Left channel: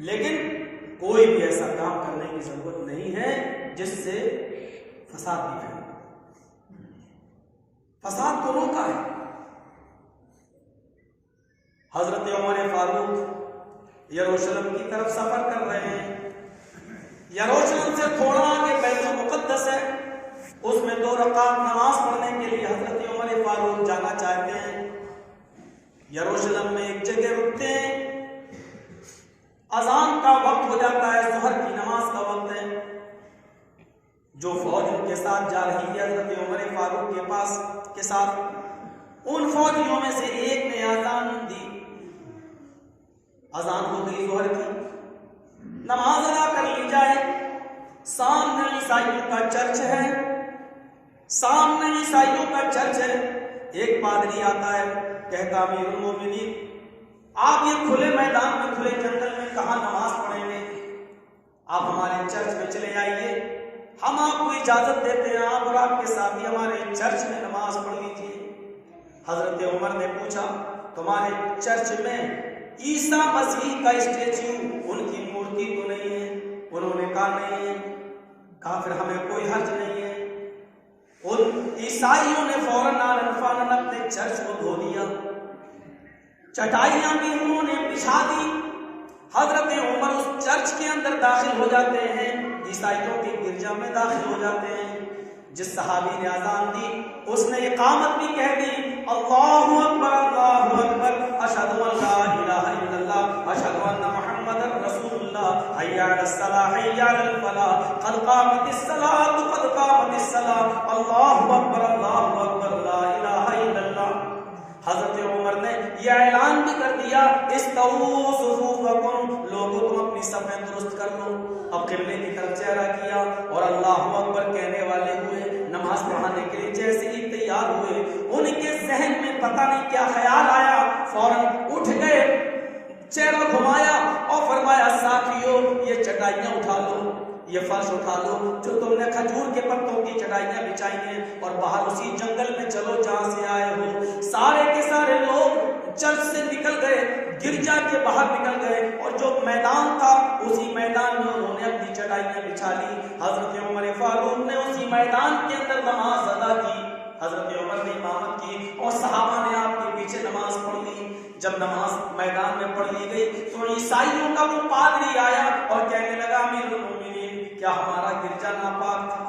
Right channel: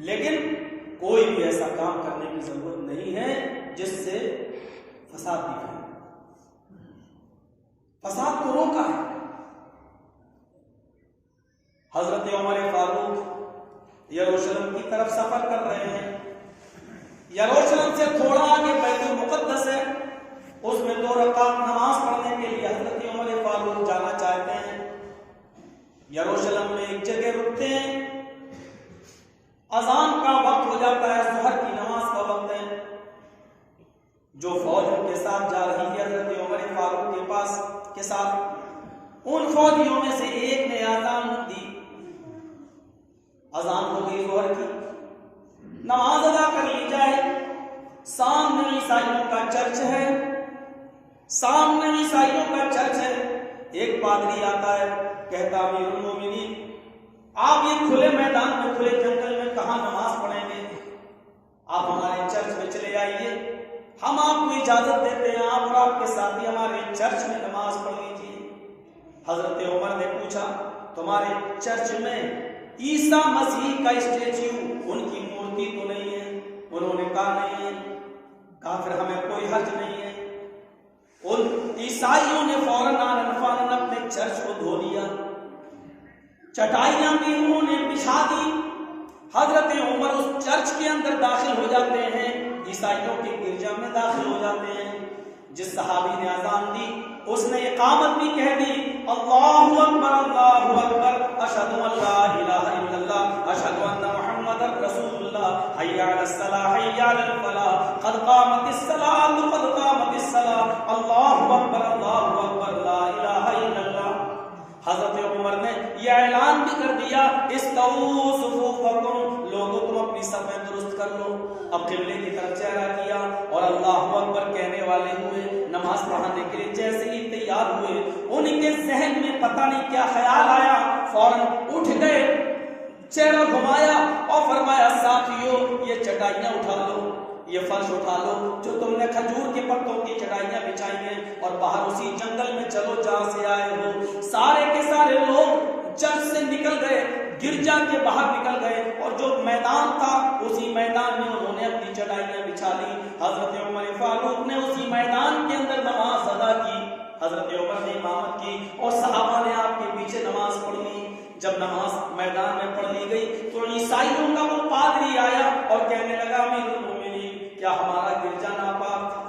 لیکن کوئی بھی ایسا کام کرنے کی ضرورت نہیں ہے جس سے فساد بھی پھیلے۔ فساد کو روکا ہے۔ حضرت عمر فاروق یروشلم کی طرف سفر کر رہے ہیں۔ یروشلم سے تھوڑا آگے بیت المقدس ہے، اس میں 2 رکعت نماز پڑھنے کے لیے حضرت عمر فاروق جانا چاہتے ہیں۔ یروشلم میں ایک جگہ رکتے ہیں، اذان کا وقت ہو جاتا ہے، ظہر کی نماز کا وقت ہے۔ جو فوج ان کے ساتھ جا رہی ہے حضرت عمر فاروق کے پاس کے ساتھ، ان فوجیوں میں سے ایک نے اذان دی۔ اذان ہو گئی ظہر کی، نماز ادا کر لی جائے۔ سامنے عیسائیوں کا چرچ ہے، سامنے عیسائیوں کا چرچ ہے۔ ایک پادری آتا ہے، کہتا امیر المومنین آپ یہ کھلے میدان میں، کھلے جنگل میں کہاں نماز پڑھیں گے؟ آپ ہمارے چرچ میں چلے آئیے، ہم آپ کو اجازت دیتے ہیں، آپ اور آپ کے ساتھی ہمارے چرچ میں نماز پڑھ لیجیے۔ حضرت عمر نے پوچھا تمہارے چرچ میں عیسیٰ مسیح کا اسٹیچو، ان کی مورتی تو نہیں ہے؟ انہوں نے کہا نہیں ہے۔ کہا پھر ہمیں کوئی حرج نہیں ہے۔ ان عیسائیوں نے فوراً اپنے چرچ کو دھو لیا، چٹائیاں بھی انہوں نے بچھا دی۔ حضرت عمر اس چرچ کے اندر داخل ہو جاتے ہیں، عیسائیوں کے گرجا میں داخل ہو جاتے ہیں۔ جس صحابی نے اذان دی اس نے اقامت بھی کہہ دی، اللہ اکبر اللہ اکبر، اشہد ان لا الہ الا اللہ، اشہد ان محمد رسول اللہ، حی علی الصلاۃ حی علی الفلاح، قد قامت الصلاۃ قد قامت الصلاۃ، اللہ اکبر لا الہ الا اللہ۔ حضرت عمر نے یہ اعلان بھی کر دیا، استووا صفوفکم، لوگوں تم اپنی صفیں درست کر لو۔ اب قبلے کی طرف چہرہ کیا اور اللہ اکبر کہنے والے ہوئے، نماز پڑھانے کے لیے جیسے ہی تیار ہوئے، ان کے ذہن میں پتہ نہیں کیا خیال آیا، فوراً اٹھ گئے، چہرہ گھمایا اور فرمایا ساتھیو یہ چٹائیاں اٹھا لو، یہ فرش اٹھا لو جو تم نے کھجور کے پتوں کی چٹائیاں بچھائی ہیں، اور باہر اسی جنگل میں چلو جہاں سے آئے ہو۔ سارے کے سارے لوگ چرچ سے نکل گئے، گرجا کے باہر نکل گئے، اور جو میدان تھا اسی میدان میں انہوں نے اپنی چٹائیاں بچھا لی۔ حضرت عمر فاروق نے اسی میدان کے اندر نماز ادا کی۔ حضرت عمر نے امامت کی اور صحابہ نے آپ کے پیچھے نماز پڑھ لی۔ جب نماز میدان میں پڑھ لی گئی تو عیسائیوں کا وہ پادری آیا اور کہنے لگا امیر المومنین کیا ہمارا گرجا ناپاک تھا؟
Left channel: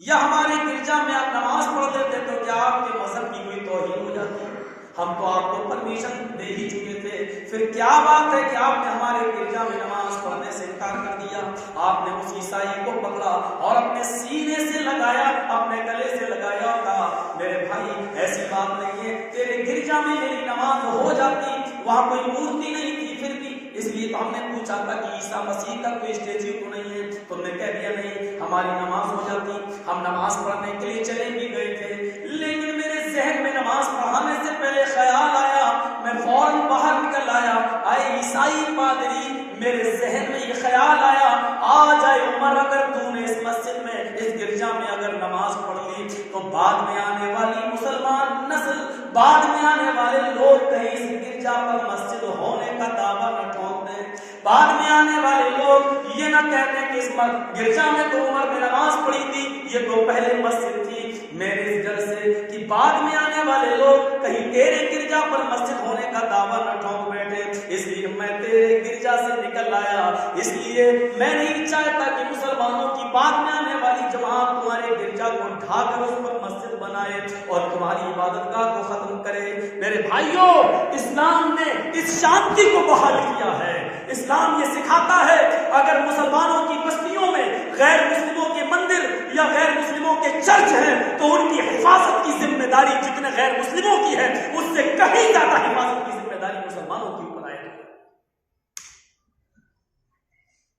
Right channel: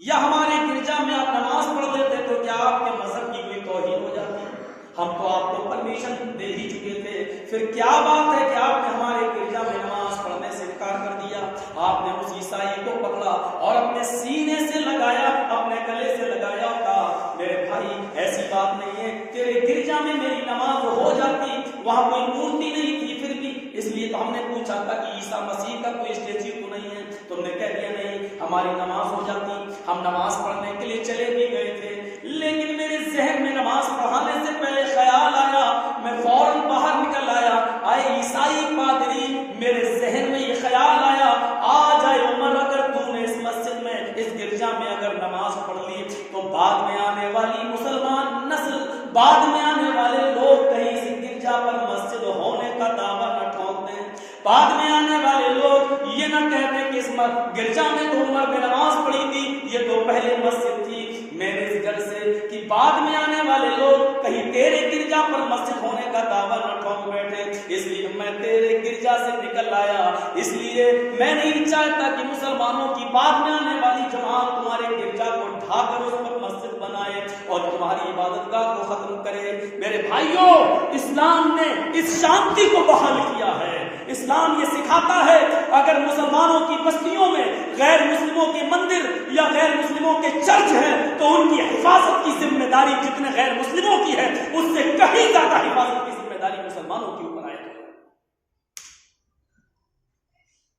یا ہمارے گرجا میں آپ نماز پڑھ لیتے تو کیا آپ کے مذہب کی کوئی توہین ہو جاتی؟ ہم تو آپ کو پرمیشن دے ہی چکے تھے، پھر کیا بات ہے کہ آپ نے ہمارے گرجا میں نماز پڑھنے سے انکار کر دیا؟ آپ نے اس عیسائی کو پکڑا اور اپنے سینے سے لگایا، اپنے گلے سے لگایا اور کہا میرے بھائی ایسی بات نہیں ہے، تیرے گرجا میں میری نماز ہو جاتی، وہاں کوئی مورتی نہیں تھی، پھر بھی اس لیے ہم نے پوچھا تھا کہ عیسیٰ مسیح کا کوئی اسٹیچو تو نہیں ہے، تم نے کہہ دیا نہیں، ہماری نماز ہو جاتی۔ ہم نماز پڑھنے کے لیے چلے بھی گئے تھے، لیکن میرے ذہن میں نماز پڑھانے سے پہلے خیال آیا، میں فوراً باہر نکل آیا، آئے عیسائی پادری، میرے ذہن میں یہ خیال آیا آ جائے عمر اگر تو نے اس مسجد میں اس گرجا میں اگر نماز پڑھ لی تو بعد میں آنے والی مسلمان نسل، بعد میں آنے والے لوگ کہیں اس گرجا پر مسجد ہونے کا دعویٰ نہ ٹھوک دیں، بعد میں آنے والے لوگ یہ نہ کہتے کہ اس گرجا میں تو عمر نے نماز پڑھی تھی، یہ تو پہلے مسجد تھی میرے اس گھر سے، کہ بعد میں آنے والے لوگ کہیں تیرے گرجا پر مسجد ہونے کا دعویٰ نہ ٹھوک بیٹھے، اس لیے میں تیرے گرجا سے نکل آیا، اس لیے میں نہیں چاہتا کہ مسلمانوں کی بعد میں آنے والی جماعت تمہارے گرجا کو ڈھا کر اس پر مسجد بنائے اور تمہاری عبادت گاہ کو ختم کرے۔ میرے بھائیوں، اسلام نے اس شانتی کو بحال کیا ہے۔ اسلام یہ سکھاتا ہے اگر مسلمانوں کی بستیوں میں غیر مسلموں کے مندر یا غیر مسلموں کے چرچ ہیں تو ان کی حفاظت کی ذمہ داری جتنے غیر مسلموں کی ہے اس سے کہیں زیادہ حفاظت کی ذمہ داری مسلمانوں کے اوپر آئے گی۔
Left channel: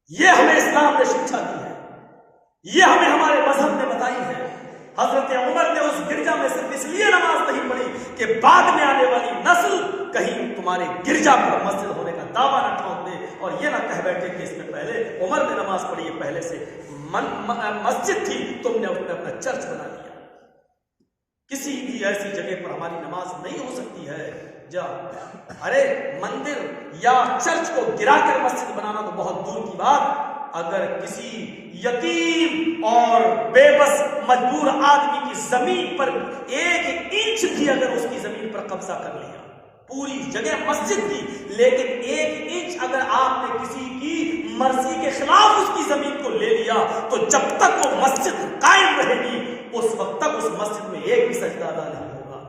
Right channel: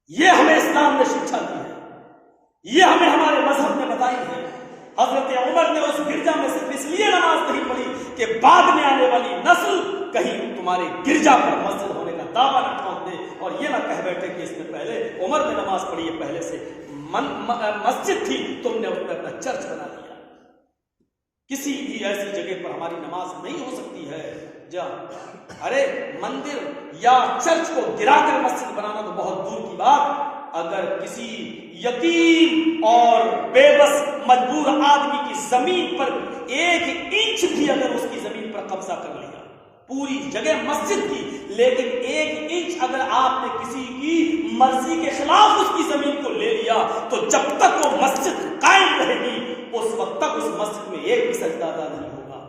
یہ ہمیں اسلام نے شکشا دی ہے، یہ ہمیں ہمارے مذہب نے بتائی ہے۔ حضرت عمر نے اس گرجا میں صرف اس لیے نماز نہیں پڑھی کہ بعد میں آنے والی نسل کہیں تمہارے گرجا پر مسجد ہونے کا دعویٰ نہ ٹھوک دے اور یہ نہ کہہ بیٹھے کہ اس میں پہلے عمر نے نماز پڑھی ہے، پہلے سے مسجد تھی، تم نے اس میں اپنا چرچ بنا دیا۔ کسی بھی ایسی جگہ پر ہماری نماز نہیں ہو سکتی ہے جا ارے مندر یا چرچ کو گرا کر مسجد بنانا تو بہت دور کی بات، اگر کسی یتیم اور بے بس مجبور آدمی کی زمین پر 1 انچ بھی اگر اس کی زمین پر قبضہ کر لیا، پوری جگہ مسجد کی، لیکن 1 انچ اگر آپ نے کسی کی مرضی کے خلاف اس کی زمین کو لے لیا تو جب تک وہ مسجد قائم رہے گی اس وقت تک اس مسجد میں 1 بھی سجدہ ادا نہیں ہوگا،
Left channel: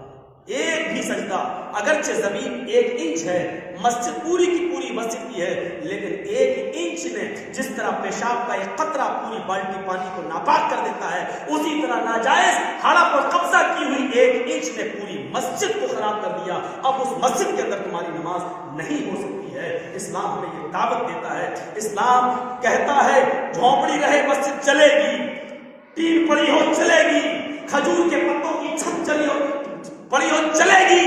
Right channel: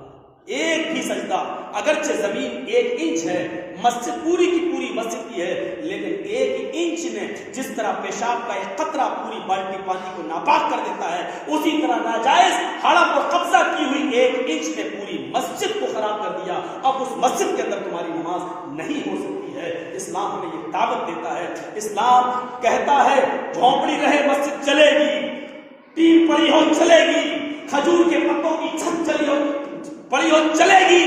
1 بھی سجدہ۔ اگرچہ زمین 1 انچ ہے، مسجد پوری کی پوری مسجد کی ہے، لیکن 1 انچ نے جس طرح پیشاب کا ایک قطرہ پوری بالٹی پانی کو ناپاک کر دیتا ہے، اسی طرح ناجائز ہڑپ اور قبضہ کی ہوئی 1 انچ نے پوری مسجد کو خراب کر دیا۔ اب اس مسجد کے اندر تمہاری نماز نہیں ہو سکتی ہے۔ اسلام ہمیں یہ دعوت دیتا ہے، اسلام کہتا ہے جھونپڑی رہے مسجد چلے گی، ٹیم پڑی ہو چلے گی، کھجور کے پتوں کی چھت چلی ہو پڑی ہو چلے گی،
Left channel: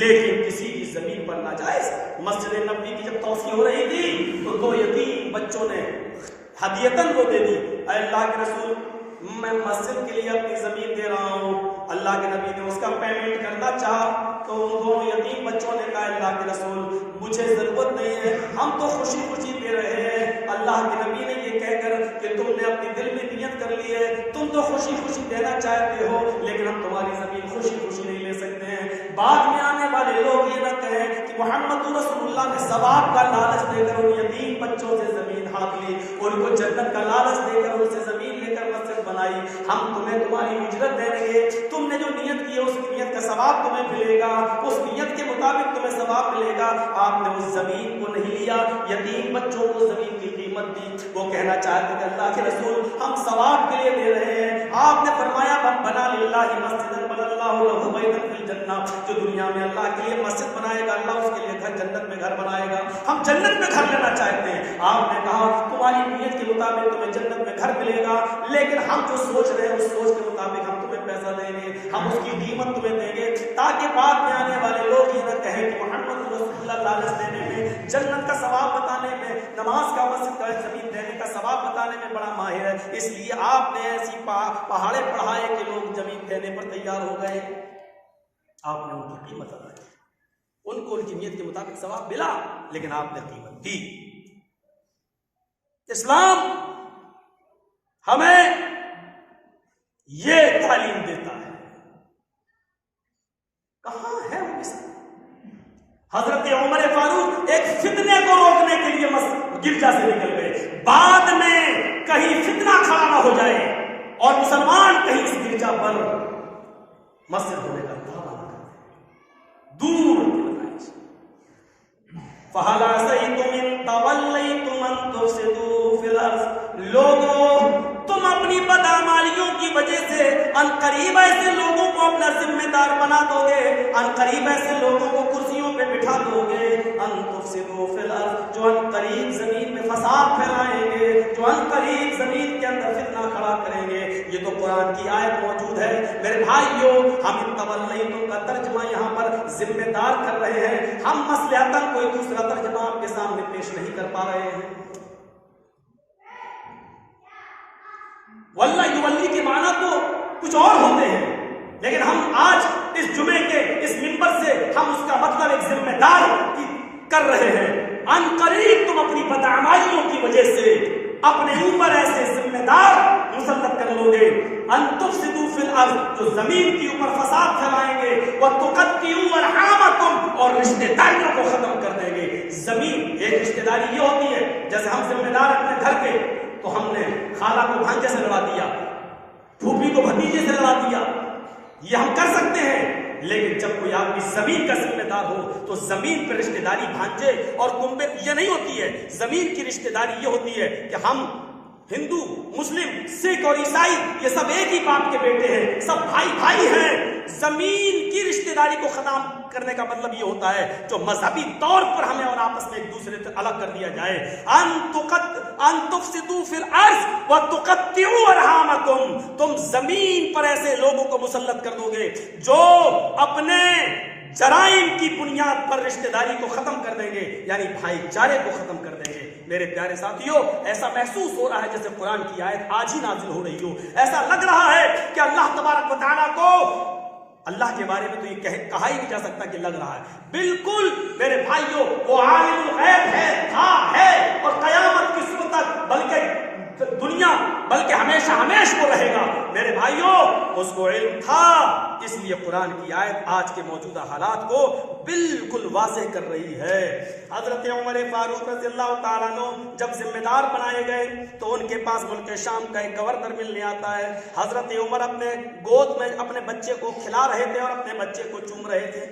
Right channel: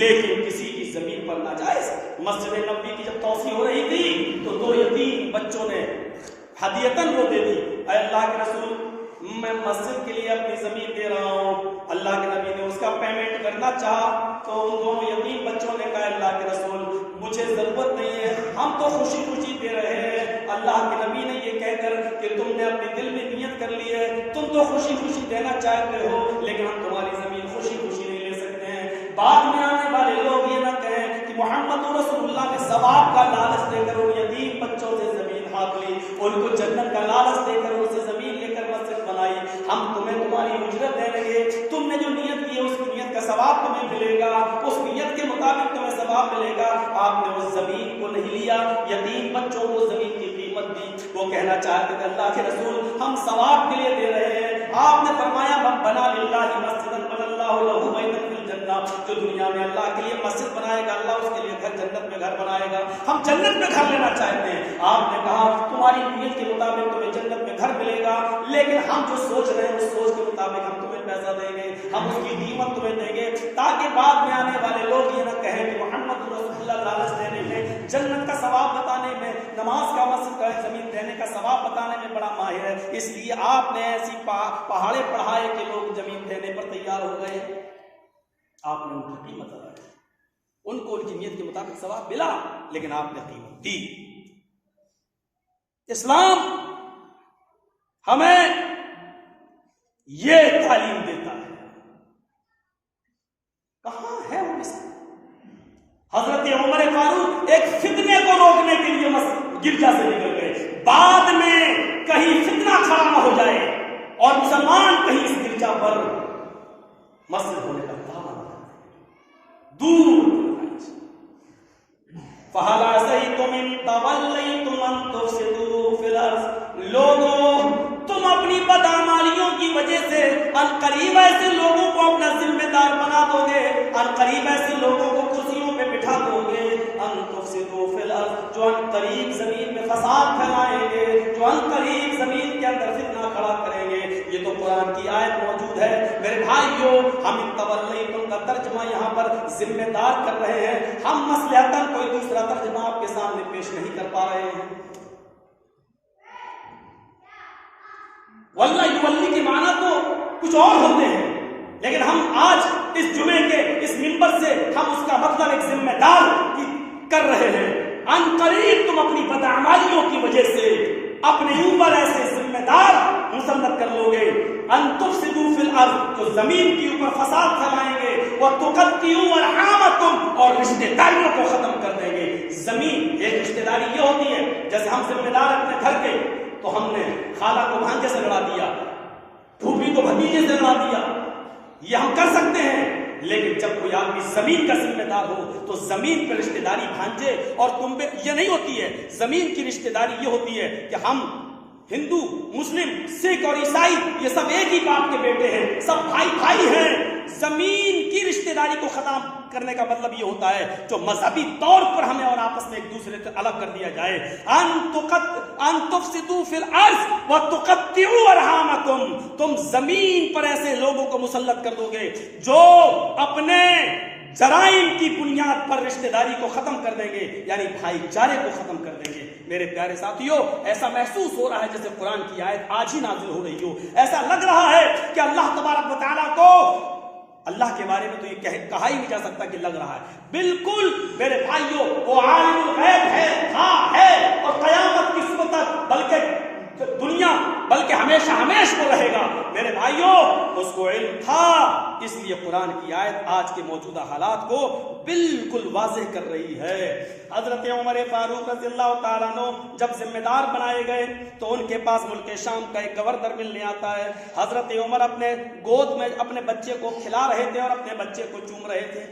لیکن کسی کی زمین پر ناجائز۔ مسجد نبوی کی جب توسیع ہو رہی تھی تو 2 یتیم بچوں نے ہدیتاً وہ دے دی، اے اللہ کے رسول میں مسجد کے لیے اپنی زمین دے رہا ہوں۔ اللہ کے نبی نے اس کا پیمنٹ کرنا چاہا تو ان 2 یتیم بچوں نے کہا اللہ کے رسول مجھے ضرورت نہیں ہے، ہم تو خوشی خوشی دے رہے ہیں۔ اللہ کے نبی نے یہ کہہ کر کہ تم نے اپنے دل میں نیت کر لی ہے، تم تو خوشی خوشی دینا چاہتے ہو، لیکن ہم تمہاری زمین خوشی خوشی نہیں لے سکتے ہیں۔ بعد میں آنے والے لوگ یہ نہ کہیں کہ محمد رسول اللہ نے ثواب کا لالچ دے کر ان یتیم بچوں سے زمین ہاتھ لی، ان کو جنت کا لالچ دے کر ان سے زمین لے کر مسجد بنائی۔ ہم تمہیں تمہاری اجرت دیں گے، تم نے جو نیت کی ہے اس نیت کا ثواب تمہیں ملے گا، اس نیت کے مطابق تمہیں ثواب ملے گا۔ آپ نے اس زمین کو نہیں لیا، یتیم بچوں کو زمین کی قیمت دی۔ وہ کہنا چاہتے کہ اللہ کے رسول ہم ثواب کے لیے دے رہے ہیں۔ آپ نے فرمایا بنا للہ مسجدا بنى اللہ لہ بیتا فی الجنہ، جو دنیا میں اللہ کے لیے مسجد بنائے گا اللہ اس کے لیے گھر جنت میں گھر بنائے گا۔ ہم جنت میں گھر لینا چاہتے ہیں۔ آپ نے کہا تمہاری نیت کے مطابق تمہیں جنت میں گھر ملے گا، لیکن ہم جو سوچ رہے ہیں اس سوچ کے مطابق ہم تمہیں پیسہ دیں گے، ہم اس کی قیمت تمہیں دیں گے، تاکہ بعد میں آنے والے لوگ یہ نہ کہیں کہ محمد رسول اللہ لالچ دینے میں، جنت کا ثواب بتانے میں، نماز کا مسجد کا زمین دینے کا ثواب بتانے میں بڑا ماہر ہے، اس لیے آپ نے ایسی پہاڑے پڑھائے کہ لوگ زمین دینے پر تیار ہو گئے۔ آپ نے ان کی قیمت ادا کی، ان کو ان کی نیت کے مطابق ثواب ملا، لیکن آپ نے قیمت دی۔ اسلام ہمیں یہ تعلیم دیتا ہے، کہاں ہے وہ اسلام؟ حضرت عمر فاروق ایک فتنے کو روکنے کے لیے گرجا سے نکل گئے، بعد میں کہیں فتنہ کھڑا نہ ہو جائے اور مسلمان کہیں اس گرجا پر مسجد ہونے کا دعویٰ نہ کریں، دور فَهَلْ عَسَيْتُمْ إِن تَوَلَّيْتُمْ أَن تُفْسِدُوا فِي الْأَرْضِ، لوگوں تم اپنی بدعمالیوں کی وجہ سے عنقریب ایسے لوگوں کو اپنا ذمہ دار بنا دو گے، عنقریب ایسے لوگوں کو کرسیوں پہ بٹھا دو گے، ان تفسدوا فی الارض، جو عنقریب زمین میں فساد پھیلائیں گے، جو عنقریب زمین کے اندر فتنہ کھڑا کریں گے۔ یہ تو قرآن کی آیت موجود ہے میرے بھائیوں۔ ہم ان تولیتم کا ترجمہ یہاں پر ذمہ دار کر رہے ہیں، ہم مصلحتاً کوئی دوسرا ترجمہ آپ کے سامنے پیش نہیں کر پا رہے ہیں۔ واللہ یولی کے معنی تو کچھ اور ہوتے ہیں، لیکن ہم آج اس جمعے کے اس منبر سے ہم اس کا مطلب ایک ذمہ دار کر رہے ہیں۔ ان قریب تم اپنی بدعمالیوں کی وجہ سے اپنے اوپر ایسے ذمہ دار مسلط کر لو گے، ان تفسدوا فی الارض، جو زمین کے اوپر فساد پھیلائیں گے، وتقطعوا ارحامکم، اور رشتہ داریوں کو ختم کر دیں گے۔ زمین ایک رشتہ داری یہ ہوتی ہے، جیسے ہم ذمہ دار اپنے گھر کے تو ہم نے خالہ کو بھانجے سے لڑا دیا، پھوپھی کو بھتیجے سے لڑا دیا، یہ ہم کر سکتے ہیں، لیکن جب کوئی آدمی زمین کا ذمہ دار ہو تو زمین پہ رشتہ داری بھانجے اور تم پہ یہ نہیں ہوتی ہے۔ زمین کی رشتہ داری یہ ہوتی ہے کہ ہم ہندو، مسلم، سکھ اور عیسائی یہ سب ایک ہی باپ کے بیٹے ہیں، سب بھائی بھائی ہیں۔ زمین کی رشتہ داری کو ختم کرنے کا مطلب یہ ہوتا ہے جو مذہبی طور پر ہمیں اور آپس میں ایک دوسرے سے الگ کر دیا جائے۔ ان تفسدوا فی الارض وتقطعوا ارحامکم، تم زمین پر ایسے لوگوں کو مسلط کر دو گے جو اپنے جرائم کی بنیاد پر رشتہ داری کو ختم کر دیں گے، یعنی بھائی چارے کو ختم کر دیں گے۔ میرے پیارے ساتھیو، ایسا محسوس ہو رہا ہے جیسے قرآن کی آیت آج ہی نازل ہو رہی ہو، ایسا لگ رہا ہے کہ اللہ تبارک و تعالیٰ کو، اللہ کے بارے میں تو یہ کہا ہی نہیں جا سکتا کہ لگ رہا ہے، بالکل میرے بھائیوں وہ عالم الغیب ہے اور قیامت کی صبح تک بلکہ دنیا بلکہ ہمیشہ کو رہے گا میرے بھائیوں، اس کو علم تھا۔ اس لیے قرآن کی آیت آج کے موجودہ حالات کو بالکل واضح کر رہی ہے۔ حضرت عمر فاروق رضی اللہ تعالیٰ عنہ جب ذمہ دار بنائے گئے تو ان کے پاس ملک شام کا ایک گورنر ملنے آتا ہے۔ حضرت عمر اپنے گود میں اپنے بچے کو کھلا رہے تھے اور اپنے بچے کو چوم رہے تھے۔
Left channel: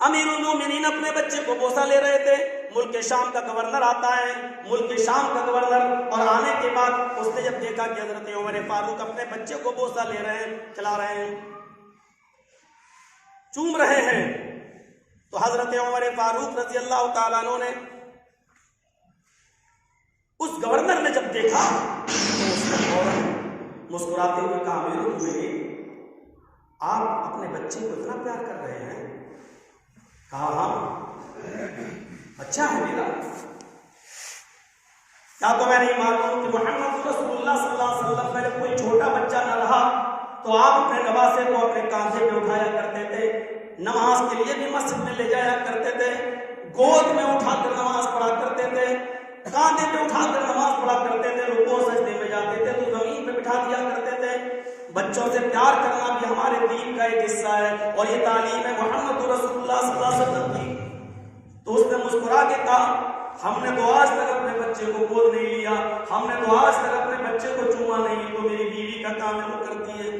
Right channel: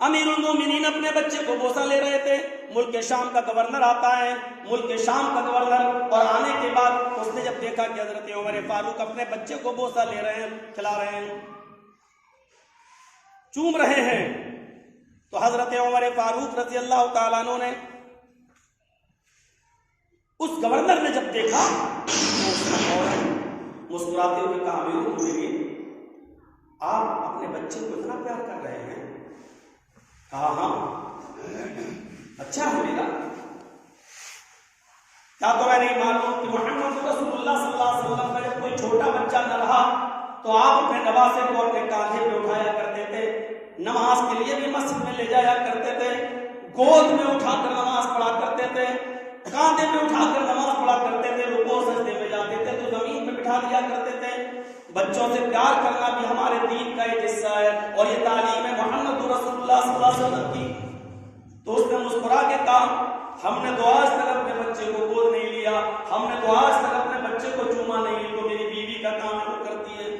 امیر المومنین اپنے بچے کو بوسہ لے رہے تھے۔ ملک شام کا گورنر آتا ہے، ملک شام کا گورنر، اور آنے کے بعد اس نے جب دیکھا کہ حضرت عمر فاروق اپنے بچے کو بوسہ لے رہے ہیں، کھلا رہے ہیں، چوم رہے ہیں، تو حضرت عمر فاروق رضی اللہ تعالیٰ عنہ نے اس گورنر نے جب دیکھا تو اس نے فوراً مسکراتے ہوئے کہا، امیر المومنین آپ اپنے بچے کو اتنا پیار کر رہے ہیں؟ کہا ہاں، اچھا ہے میرا، کیا تو میں نہیں معلوم کہ محمد رسول اللہ صلی اللہ علیہ وسلم کا جب کوئی چھوٹا بچہ نہ رہا تو آپ اپنے نواسے کو اپنے کاندھے پہ اٹھایا کرتے تھے، نماز کے لیے بھی مسجد میں لے جایا کرتے تھے، گود میں اٹھا کر نماز پڑھا کرتے تھے، کاندھے پہ اٹھا کر نماز پڑھا کرتے تھے، رکوع سجدے میں جاتے تھے تو زمین پہ بٹھا دیا کرتے تھے۔ بچوں سے پیار کرنا بھی ہمارے دین کا ایک حصہ ہے اور یہ تعلیم ہے محمد رسول اللہ صلی اللہ علیہ وسلم کی۔ تو اس نے مسکرا کے کہا، ہم نے تو آج تک اپنے بچے کو گود نہیں لیا، ہم نے تو آج تک اپنے بچے کو چوما نہیں، تو میری بیوی کا کام ہے وہ کرتی ہے۔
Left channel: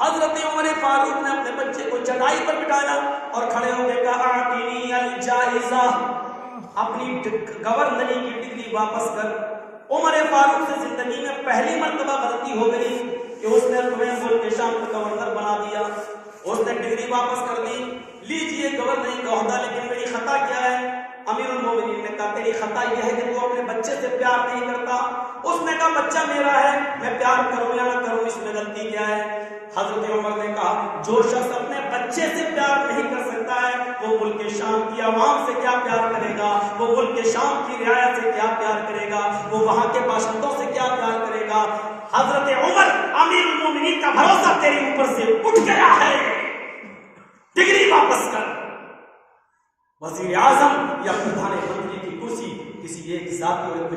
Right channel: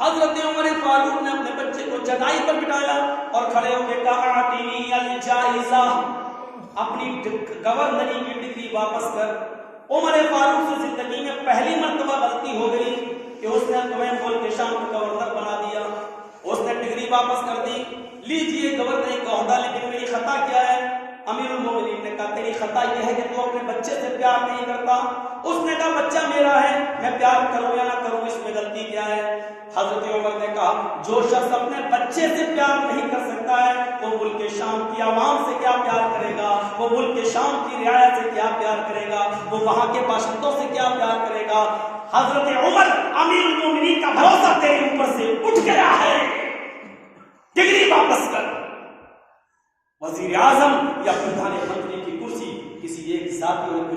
حضرت عمر فاروق نے اپنے بچے کو چٹائی پر بٹھایا اور کھڑے ہو کے کہا، اعطینی الجائزہ، اپنی گورنری کی ڈگری واپس کر۔ عمر فاروق سے زندگی میں پہلی مرتبہ غلطی ہو گئی کہ اس نے تمہیں ملک شام کا گورنر بنا دیا، اس نے ڈگری واپس کر دی، لیجیے گورنر کا عہدہ، لیکن میری خطا کیا ہے؟ امیر المومنین نے کہا تیری خطا یہ ہے کہ تو اپنے بچے سے پیار نہیں کرتا۔ اس نے کہا بچہ میرا ہے، میں پیار کروں یا نہ کروں اس میں غلطی کیا ہے؟ حضرت عمر نے کہا جو شخص اپنے بچے سے پیار نہیں کر سکتا ہے وہ ملک شام کی عوام سے کیا پیار کرے گا، وہ ملک شام کی رعایا سے کیا پیار کرے گا، وہ وہاں کے باشندوں سے کیا پیار کرے گا؟ حضرت عمر، امیر المومنین کا بھروسہ تیرے اوپر سے اٹھ گیا ہے، ڈگری واپس کر۔ وزیر اعظم یا پردھان منتری کی کرسی کسی ایک ذاتی اور